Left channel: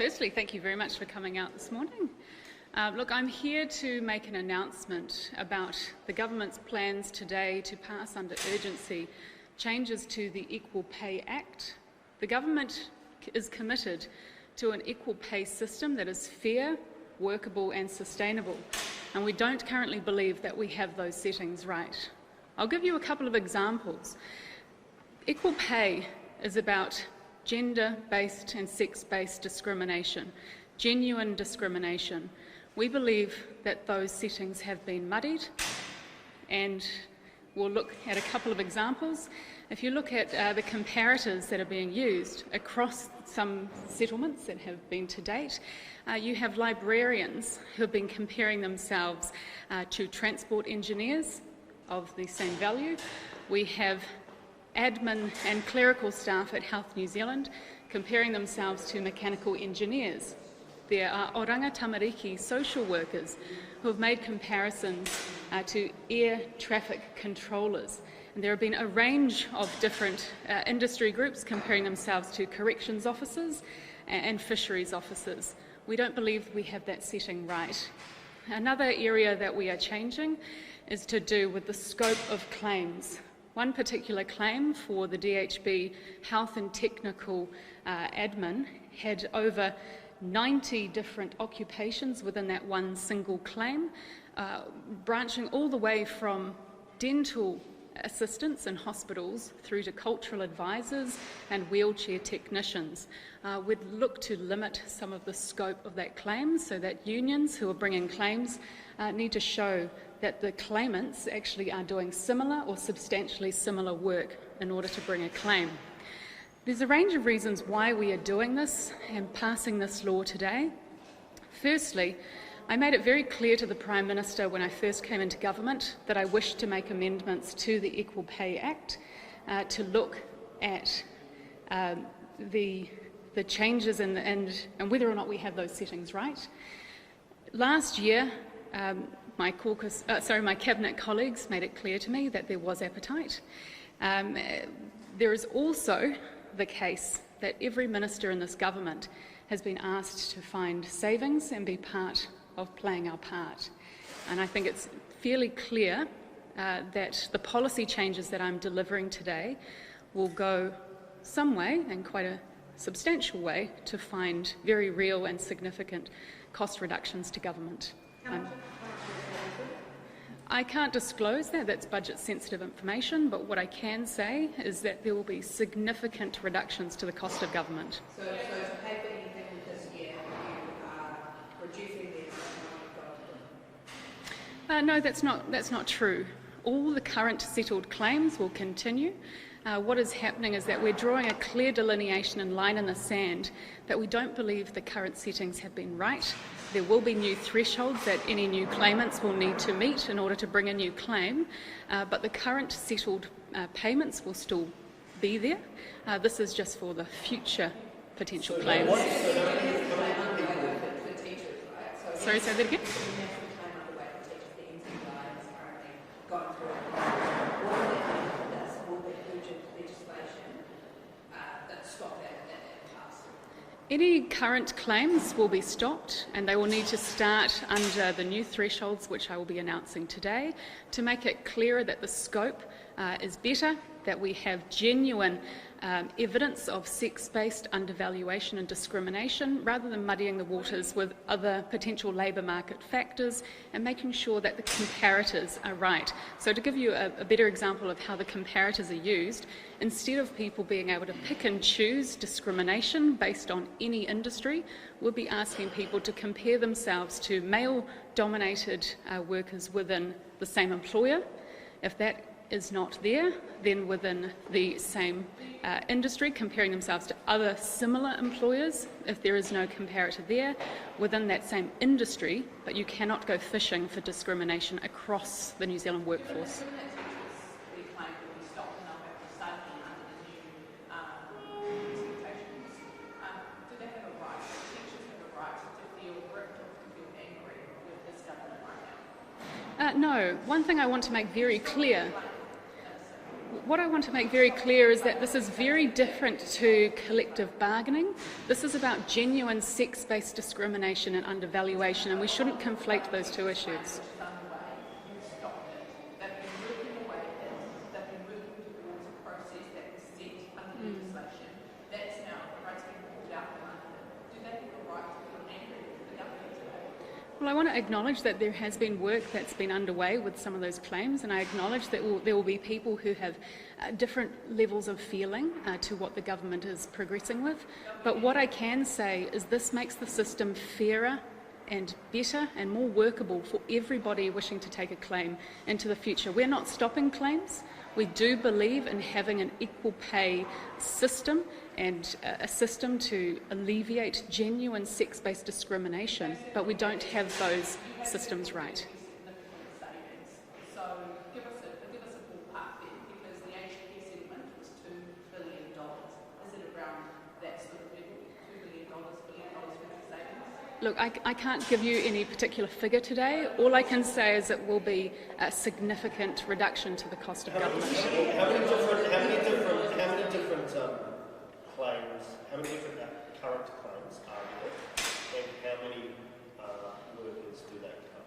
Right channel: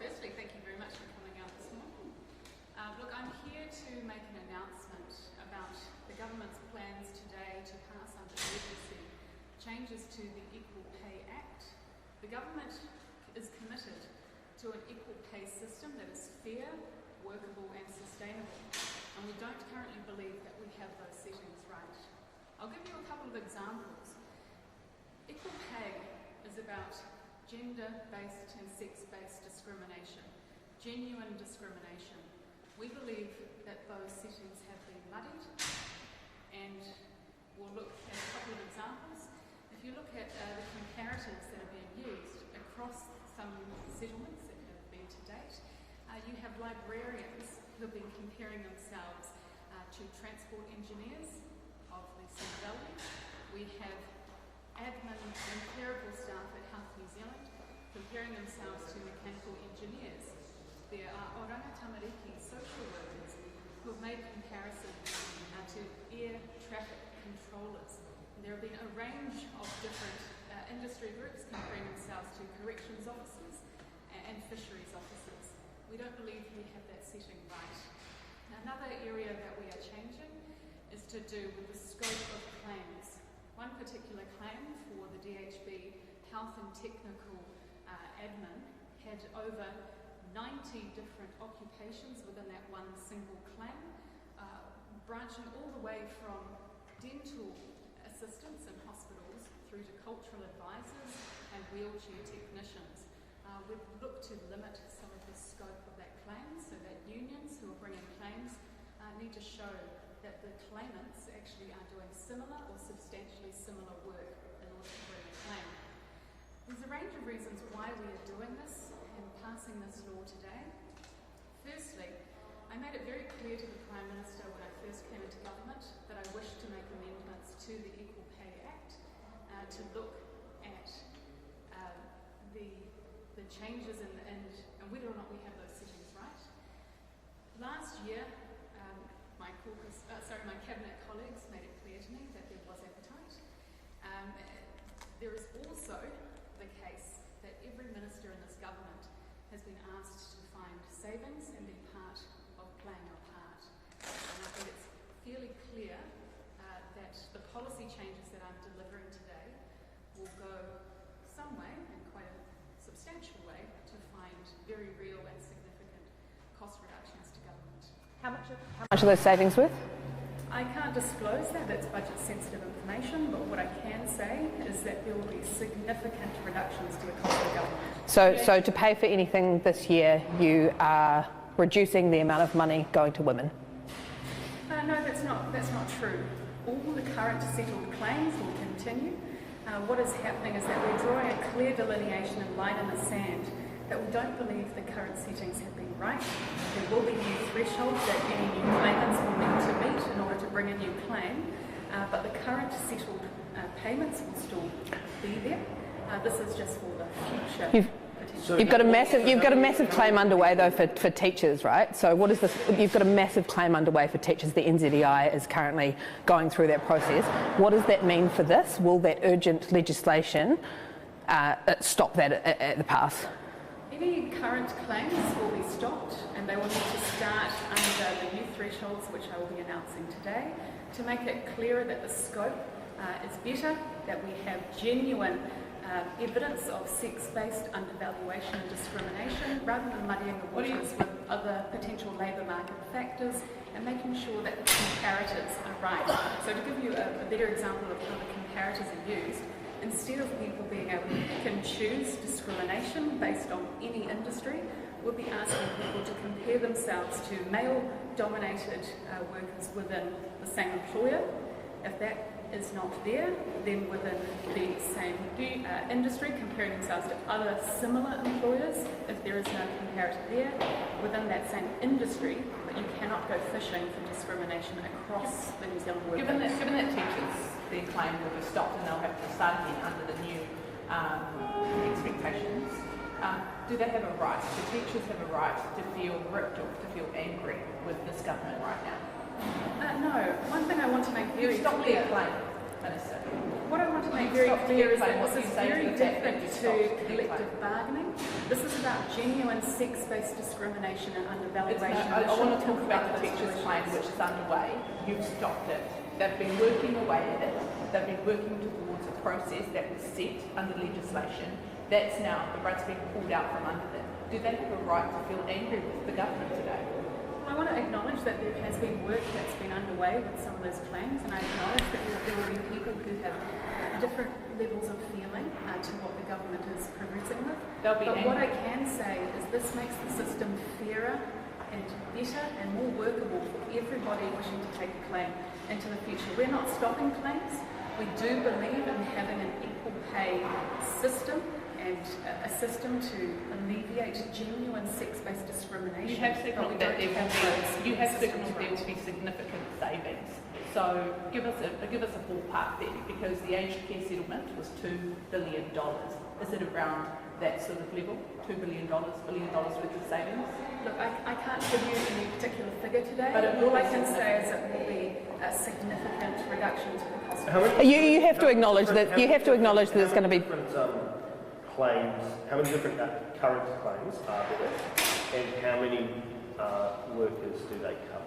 Firstly, thank you very much for coming out this morning. Look, I'm here to make an announcement about the government's plans today to pass under urgency changes to the Equal Pay Act. The government is committed to an equal pay system that is fair, workable and sustainable, and we don't currently believe that we have those settings right. I'll give you a couple of examples. Equal pay is about gender-based and sex-based discrimination, genuine discrimination. We believe that those settings have been muddied, and we'll look at a couple of examples. If you look at the comparators that are being used across some settlements that have been to date, you have librarians who have been comparing themselves to transport engineers of the same value. We have admin and clerical staff at Health New Zealand comparing themselves to mechanical engineers. There are oranga tamariki social workers who have made comparisons to air traffic controllers. And there have been a range of different industry groups comparing themselves to corrections officers and fisheries officers. We don't believe we have that setting right. Another area that we are changing is to do with the scope of claims. One particular claim for the DHB health and technical admin had over 90 different occupations within that one single claim, branching all the way from dental assistants in hospitals through to cultural advisors and wheelchair technicians. We'd look to limit some of the scope of that claim so that unions who are bringing claims need to show that the claimants actually are doing similar or substantially similar work in order to bring a claim. There's a range of reasons why we are doing this and passing this law today. Firstly, I made it very clear to the Prime Minister when I first came into government that I wished to make amendments to the Equal Pay Act to look at the changes and whether or not we have those settings right. Last year, my cabinet colleagues made it clear to me that there was appetite. There is also the case that every minister in this government has been asked to find savings and be part of playing our part. And I think it's fairly clear that the policy changes that I'm delivering today will go some way, and quite a substantial way, to find very real and significant cost reductions to government. How much are those savings worth? I can't disclose that, that's budget sensitive information, but what I can say is that there will be significant reductions to the cost of government. So to pay for anything this year, you are reducing the amount of money going to women? No, that's not true. All the current settled claims will continue. What is happening is that we're drawing a clear delineation and line in the sand that we don't believe the current settings have been right. There will be new thresholds that any new claimants will need to meet in order to bring a new claim, but the current settled payments will still be there. This is just for the future potential. You've got a massive claim underway though for teachers, right? So what is this? You've got a massive claim underway for teachers. The NZEI is currently going through that process. What does that mean for this? Will that urgent legislation stop that at the pass? Any current claims will be stopped, and they will need to start under the new thresholds, which I will be announcing today, to make it clearer that the scope is better, that we have genuine evidence of sex-based undervaluation and discrimination, rather than muddying the waters with other potential labour market factors, and making sure that the comparators are right. So to give you a better example of how the comparators are used, instead of people being able to pick and choose discrimination based on any industry, we'll be asking people to compare themselves to male-dominated workers within the same employer. If that is not there, then within the same industry, comparing themselves to other similar employers. If there is no comparator there, within that same industry, but you cannot go fishing for discrimination across the New Zealand workforce. Given that teachers, their claim will be stopped and they'll have to start again under the new expectations, do they have a right, do teachers have a right to feel ripped or to feel angry with this government right now? No. One thing I want to make very clear. What I want to make very clear is that this is very different to collective bargaining. This is about genuine sex-based discrimination and undervaluation, and we shouldn't conflate those two issues. Which is underway, you've stopped it. They've been working away at it. They've been working towards a process that was set under legislation. That's now, the rug's been pulled out from under them. Do they have a right to feel angry with the government today? Well, I want to acknowledge that there has been work that's been underway with some of those claims, and I acknowledge that there will be people who have different levels of feeling to what the government is progressing with. But what I can say is this makes the system fairer and better and more workable for everybody wishing to take a claim into the future. We're not stopping claims. We do believe in having an equal pay system and a system to alleviate genuine sex-based discrimination, but we don't have those systems right. There will be significant savings. So give us a ballpark there, because the aged care settlement was $2 billion. Is it around that sort of level? $2 billion worth of savings? Look, I can't give you any particular figure today. All I can say is it will be a significant reduction to the cost of it. You have to acknowledge that there's going to be claims. How many different current claims are there, and how many workers do they cover?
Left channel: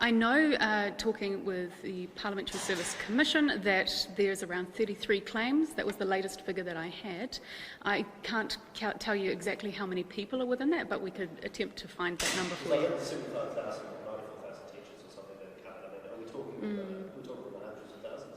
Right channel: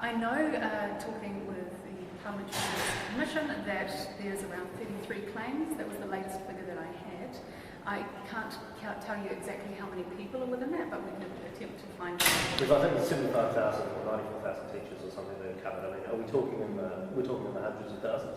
I know, talking with the Parliamentary Service Commission, that there's around 33 claims. That was the latest figure that I had. I can't tell you exactly how many people are within that, but we could attempt to find that number. Because I think there's 75,000 or 94,000 teachers or something that are covered. I mean, are we talking we're talking in the hundreds of thousands?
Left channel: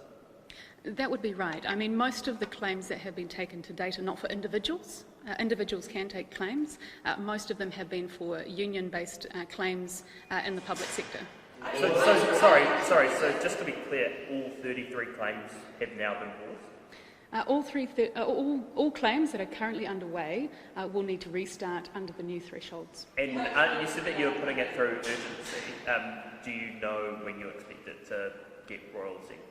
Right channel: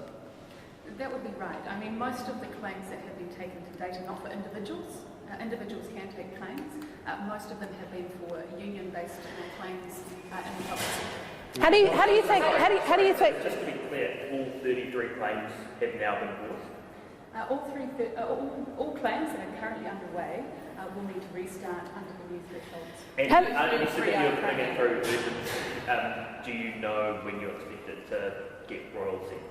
That would be right. I mean, most of the claims that have been taken to date are not for individuals. Individuals can take claims. Most of them have been for union-based claims in the public sector. How do you think? Just to be clear, all 33 claims have now been paused? All claims that are currently underway will need to restart under the new thresholds. And you said that you're putting it through urgency. Do you know when you expect it to get royal assent?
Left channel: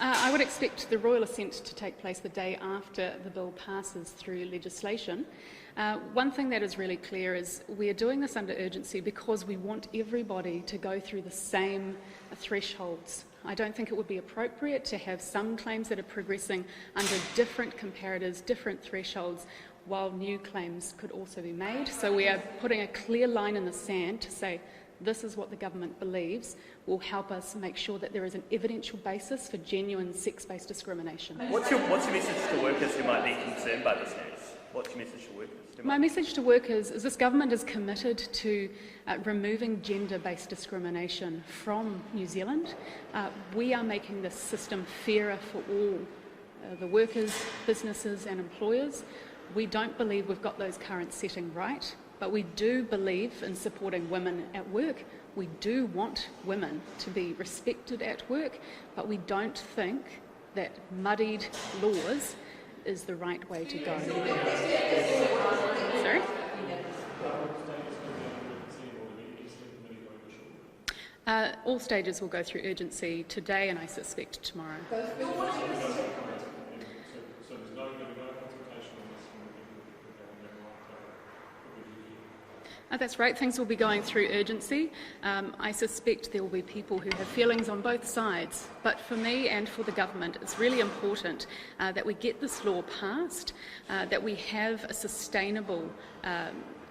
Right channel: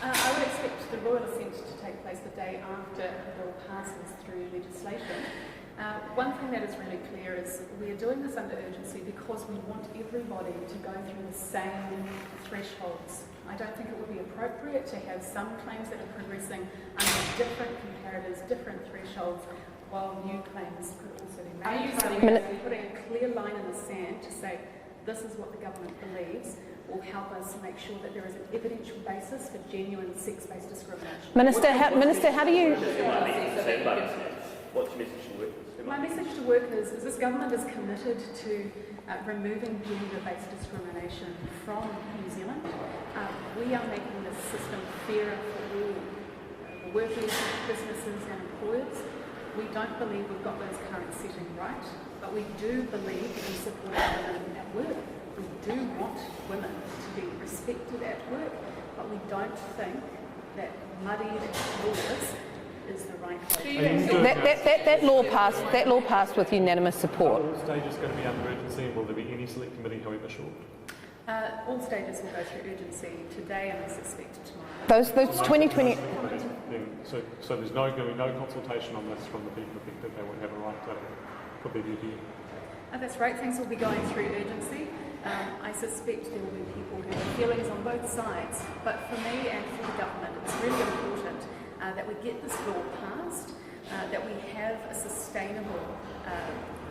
I would expect the royal assent to take place the day after the bill passes through legislation. One thing that is really clear is we are doing this under urgency because we want everybody to go through the same thresholds. I don't think it would be appropriate to have some claims that are progressing under different comparators, different thresholds, while new claims could also be made. So we are putting a clear line in the sand to say this is what the government believes will help us make sure that there is an evidential basis for genuine sex-based discrimination. Minister, how do you... What's your message to workers? My message to workers is this government is committed to removing gender-based discrimination from New Zealand. We are making this system fairer for all the workers, businesses and employers. We don't believe we've got those current setting right, but we do believe in supporting women at work. We do want women to be respected at work, but we don't think that muddied laws is the right way to go. That law passed with unanimous support. Are all stages going to be under urgency, and will there be any select committee, however short? All stages will go through urgency today and I suspect tomorrow. Those 2020... So there's going to be no consultation on this from the people affected. They won't have a right to put their view here. That's right, things will be going through urgency. I suspect there will be people who have feelings on both sides, but for me and for the government it's really important that we get this law passed, that we have a sustainable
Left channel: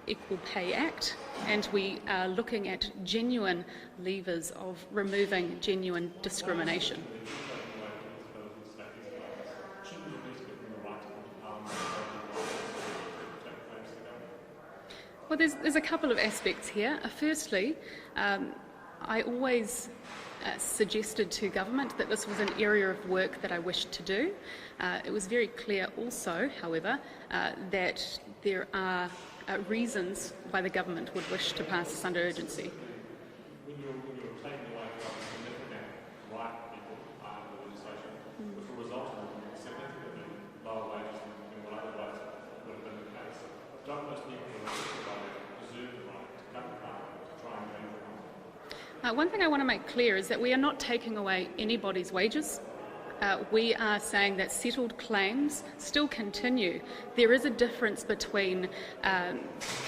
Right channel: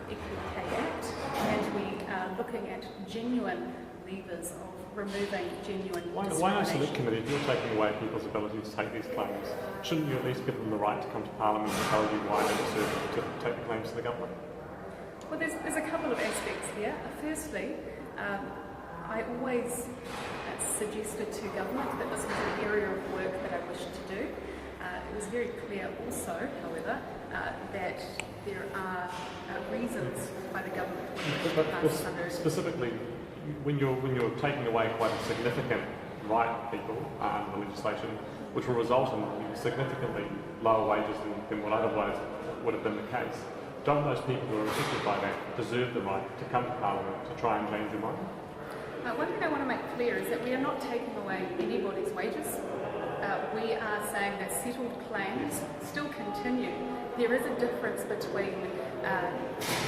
Equal Pay Act, and we are looking at genuine levers of removing genuine discrimination. Why not committee, if you're taking away people's ability to take these claims, shouldn't you at least give them the right to come to Parliament and tell you why they deserve to take the claims to the government? Well, there's a couple of aspects here. Firstly, I always suggested to government that this was an area of work that I wished to do. It was very clear also, however, that there are reasons why the government would wish to pass this under urgency. Specifically, when you're taking away quite a significant right of people under the legislation, which will result in significantly lower wages than what otherwise would have been the case, don't those people who are affected by that deserve the right to come to Parliament to try and change their mind? One thing I want to make clear is that we are not taking away anybody's wages. we are saying that settled claims still continue. There is a difference between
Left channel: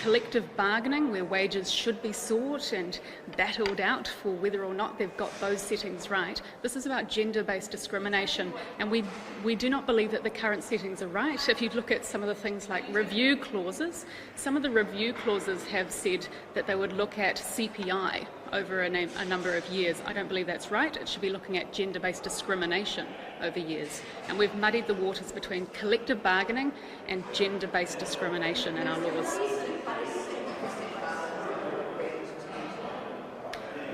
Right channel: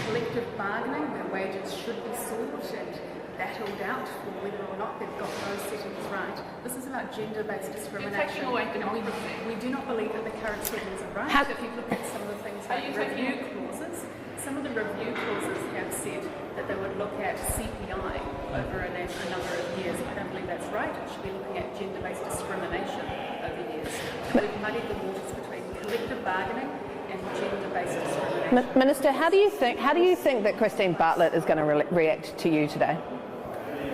collective bargaining, where wages should be sought and battled out for whether or not they've got those settings right. This is about gender-based discrimination, and we do not believe that the current settings are right. If you look at some of the things like review clauses, some of the review clauses have said that they would look at CPI over a number of years. I don't believe that's right. It should be looking at gender-based discrimination over years. And we've muddied the waters between collective bargaining and gender-based discrimination. Minister, how do you think that Christine Bartlett is going to react to you today?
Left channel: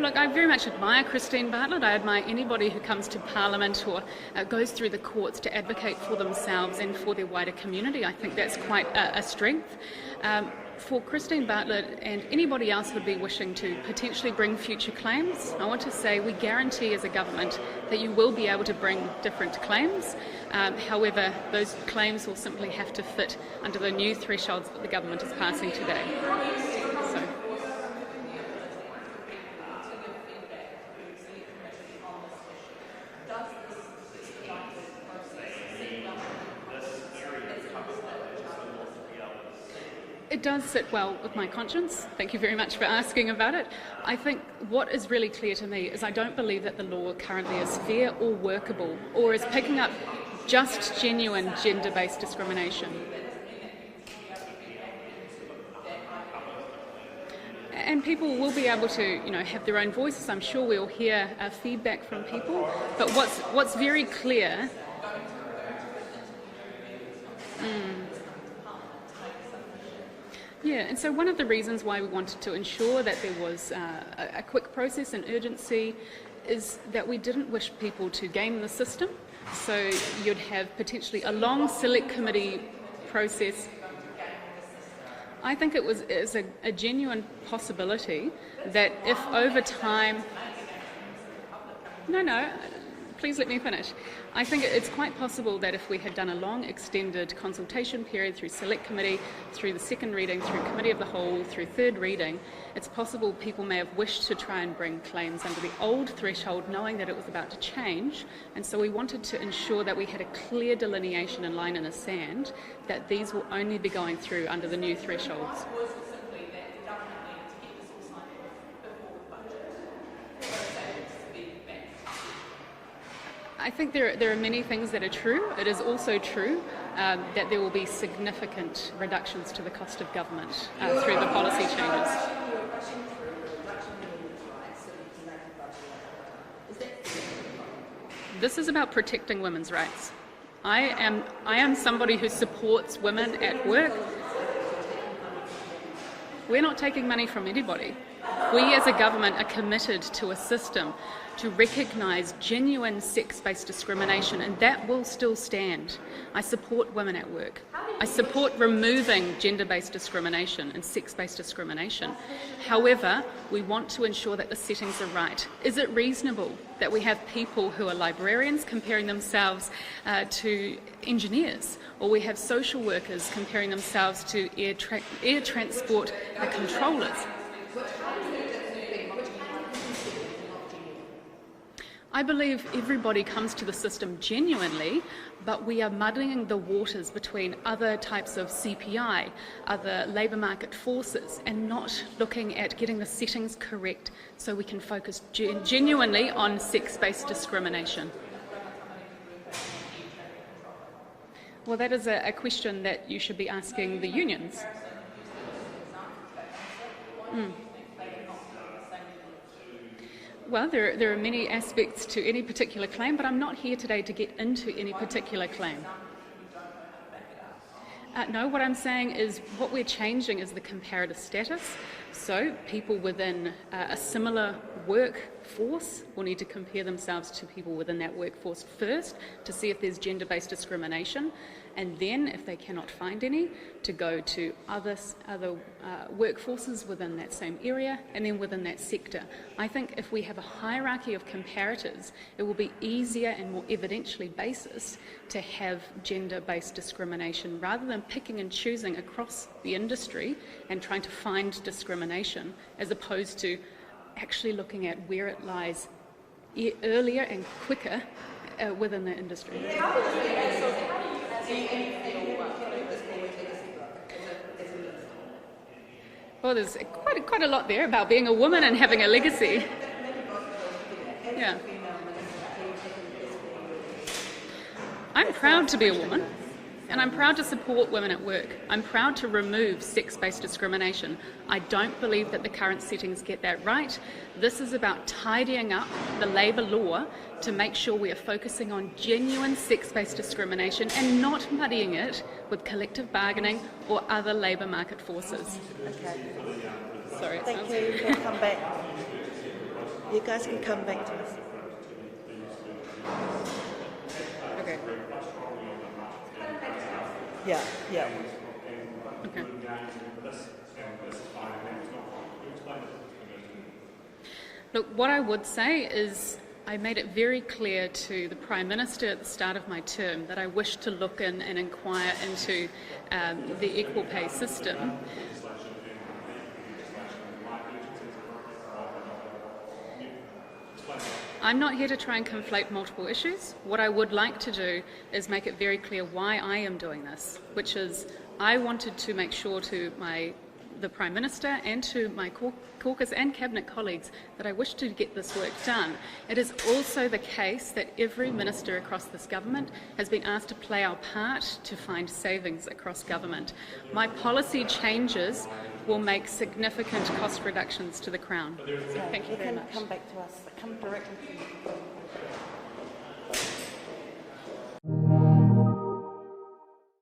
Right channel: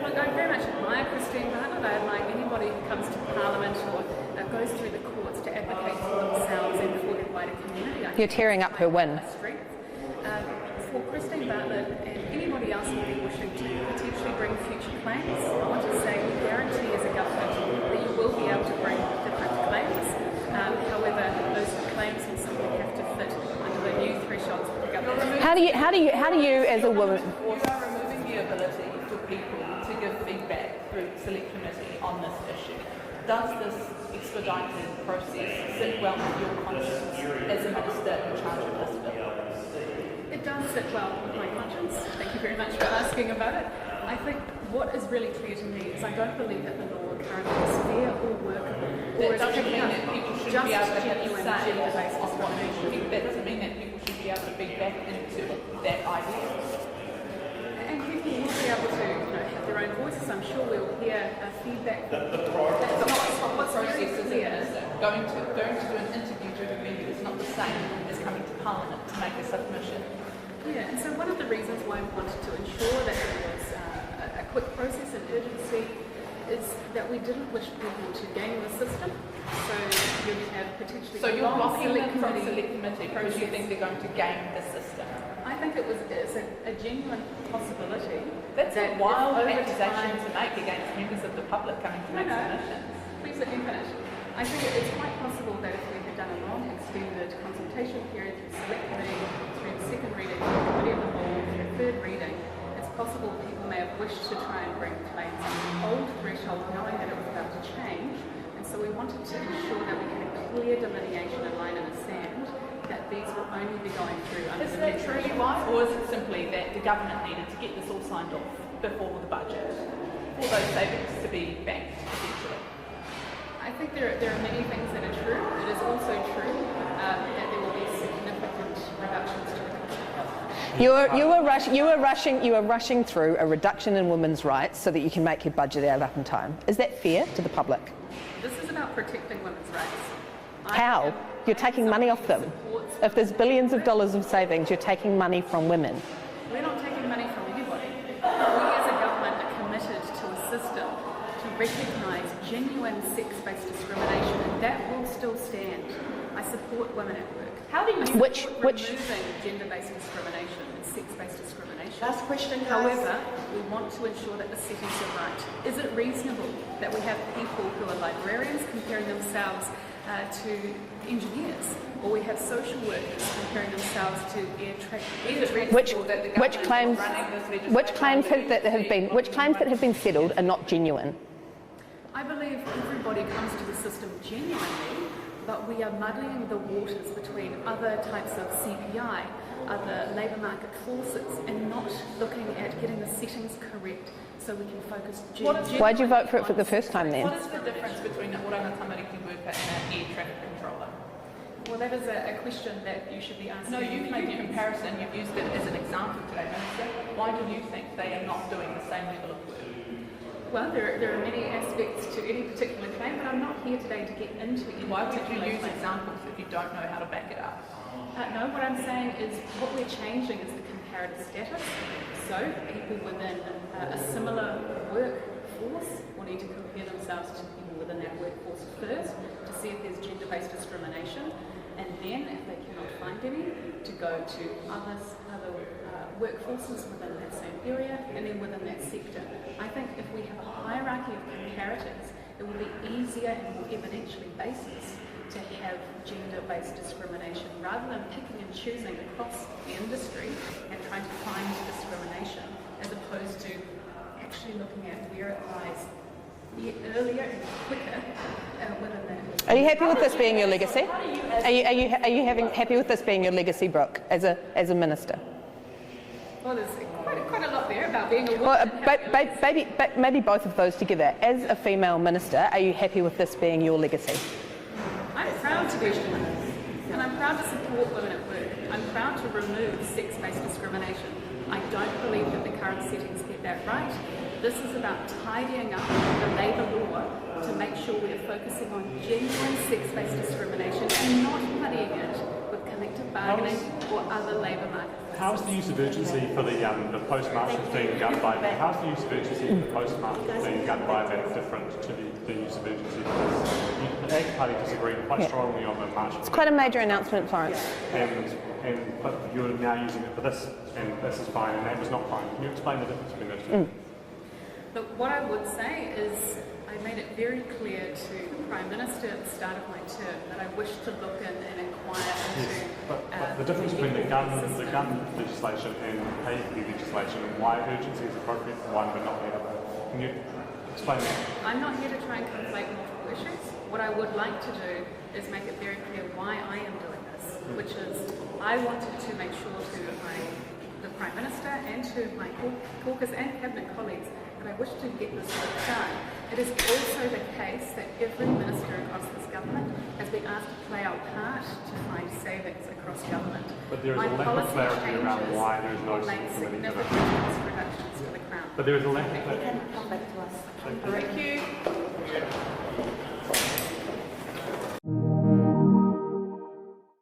Look, I very much admire Christine Bartlett. I admire anybody who comes to Parliament or goes through the courts to advocate for themselves and for their wider community. I think that's quite a strength. For Christine Bartlett and anybody else who would be wishing to potentially bring future claims, I want to say we guarantee as a government that you will be able to bring different claims. However, those claims will simply have to fit under the new thresholds that the government is How do you, as a woman? You are removing the ability for people to give feedback through the select committee on this issue. Does this expedited process sit well with your conscience as a minister in charge of this bill? It does sit well with my conscience. Thank you very much for asking about it. I think what is really clear to me is I don't believe that the law currently is fair or workable or is picking up just genuine gender-based discrimination. That doesn't mean that people should be able to feedback into that idea. And people will be able to, have their own voices. I'm sure we'll hear feedback from people. But what's very clear, Going to an interview to a member is not the same as coming to Parliament to make a submission. yeah, and so one of the reasons why we wanted to ensure that there was a quick process and urgency is that we didn't wish people to game the system. So you'd have potentially a long select committee process. Do you think they're going to game the system? I think it's a genuine possibility That's that a if wild over time... accusation to make against members of the public coming to No, make no. submissions. Please let me finish. I think it's quite possible that if we had done a long extended consultation period through select committee, through the second reading, through committee of the whole, through third reading, it's possible people may have wished to try and bring claims under the old threshold knowing that it was about to change, and so we wanted to ensure that we had a clear delineation and line in the sand that these will only be going through under the new threshold. Or is it simply that the government needed to get this all signed off before the budget for those savings to be banked essentially? I think there are many things that are true. It is also true that there will be significant reductions to the cost of government. You are rushing through a reduction in women's rights so that you can make your budget out up in time. Is that fair to the public? This is about protecting women's rights. How? I am taking somebody money off who them. supports If women there's billions at work. of dollars of savings, you're taking money from women. We're not taking money from anybody. We as a government are committed to a system to recognise genuine sex-based discrimination, and that will still stand. I support women at work. I support removing gender-based discrimination and sex-based discrimination. However, we want to ensure that the settings are right. Is it reasonable that we have people who are librarians comparing themselves to engineers, or we have social workers comparing themselves to air transport? Which claims that have been settled are not genuine? I believe everybody comes to the system genuinely, but we are muddying the waters between other types of CPI, other labour market forces, and not looking at getting the settings correct so we can focus genuinely on sex-based discrimination. Between Orangatamari worker and an air traffic controller. Well, that is a question that you should be asking the made a unions. comparison. You've used it as an example today, Minister. Why do you think they are not doing the same level of work? Well, there are many aspects to any particular claim, but I'm not here today to get into any particular Why would you use claim. examples if you don't know how to back it up? No, what I'm saying is what we're changing is the comparative status. So people within a similar workforce will need to compare themselves to people within that workforce first to see if there's gender-based discrimination, and then if they cannot find any, to go to other workforces within that same area and then within that sector. I think if we have a hierarchy of comparators, it will be easier and more evidentially basis to have gender-based discrimination rather than picking and choosing across the industry and trying to find discrimination, as opposed to actually looking at where it lies earlier and quicker within the industry. Are you happy with this being your legacy? Are you happy with this being your legacy, Brooke, as a minister? Well, there's quite a lot there about being a woman and having a legacy. Maybe both of those together. As Yeah. a female minister, are you happy with this being your legacy? I'm proud to be a woman, and I'm proud to support women at work. I'm proud to remove sex-based discrimination. I don't believe that the current settings get that right. This is about tidying up the labour law to make sure we are focusing on genuine sex-based discrimination and not muddying it with collective bargaining or other labour market How's the forces. use of urgency for the postmasters being done by that? How's the use of urgency for the postmasters being done by that different to the use of urgency? The Ag Party disagreed quite strongly on the march. It's quite a major announcement, Florence. But you're now using it for this, and this is fine, and that was not fine. Can you explain the difference between those two? Look, what I would say is I made it very clear to the Prime Minister at the start of my term that I wish to look in and inquire into The the difference equal between the pay government system. legislation and the pay equity legislation, and why urgency is appropriate and why we're not the other. Can you explain that? I'm not here to try and conflate multiple issues. What I would like to do is make it very clear why I am doing this, which is I wanted to make sure to the Prime Minister and to my caucus and cabinet colleagues that I wish to get this work done. It is also the case that every minister across this government has been asked to play our part to find savings across government. My policy changes will make significant cost reductions to the Crown. But there is a lack of Thank you very much. Come back to us. Thank you.